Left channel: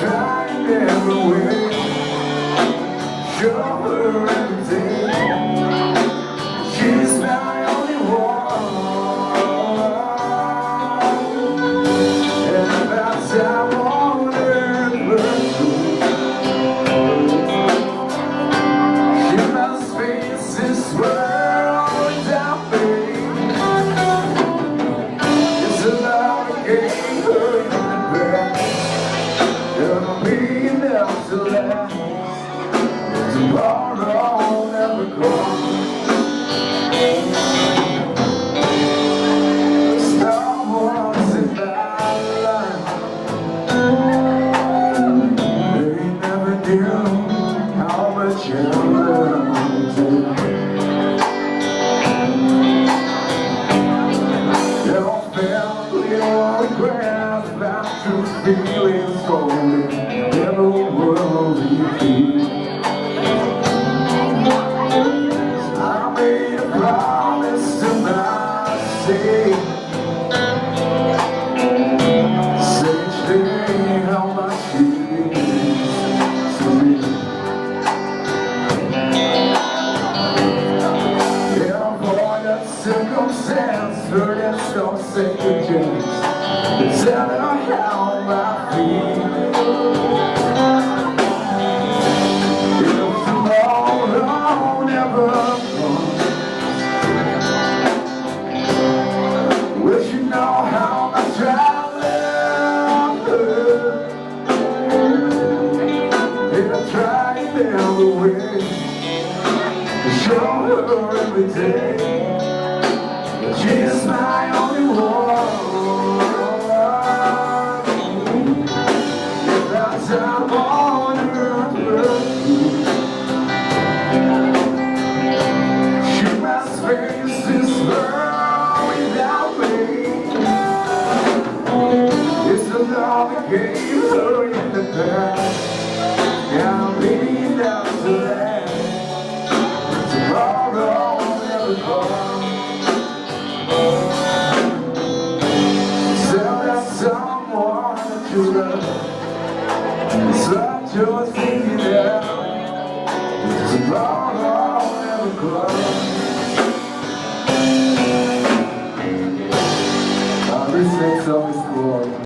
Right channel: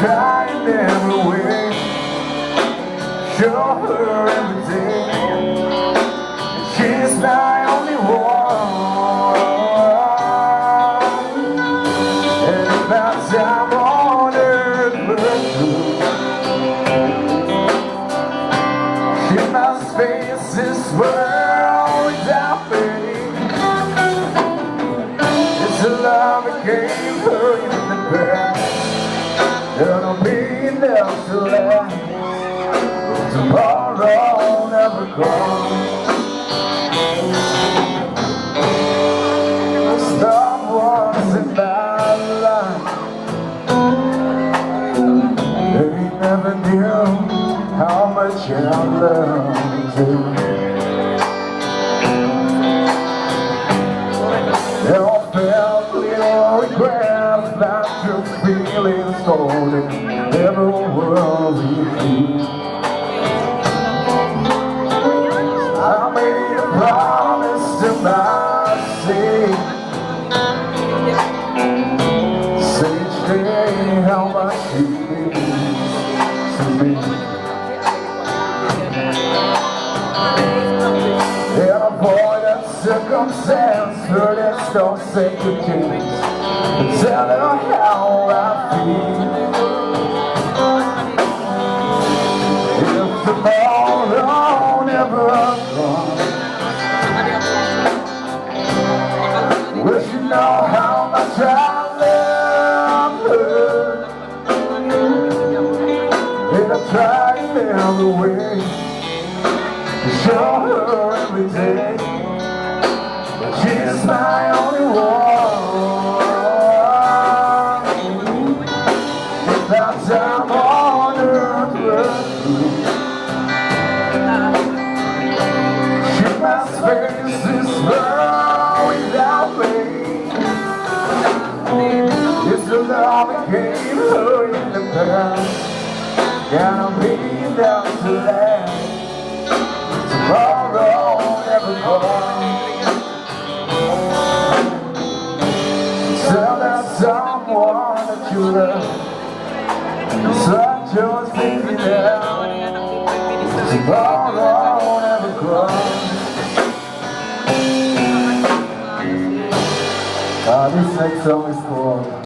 trying every way, show her every day. She's my only one, and about time on earth but true. She must face this world without me. It's a love that gave her in the past. There'll be enough to last, but tomorrow never comes. Someone's in my life, they never knew how much I loved them. They all felt little regrets, not true feelings golden, never worry free. I made a promise to myself, say each day how much she means to me. Avoid a circumstance, her there's no second chance. Tell her how I feel. If tomorrow never comes, will she know how much I love her? And I try every way to show her every day, but she's my only one. Without time on earth, she must face this world without me. It's the love that gave her in the past, gotta be enough to last. Tomorrow never comes. Tell that someone that you love, such you're thinking out. Tomorrow never comes. This next song is called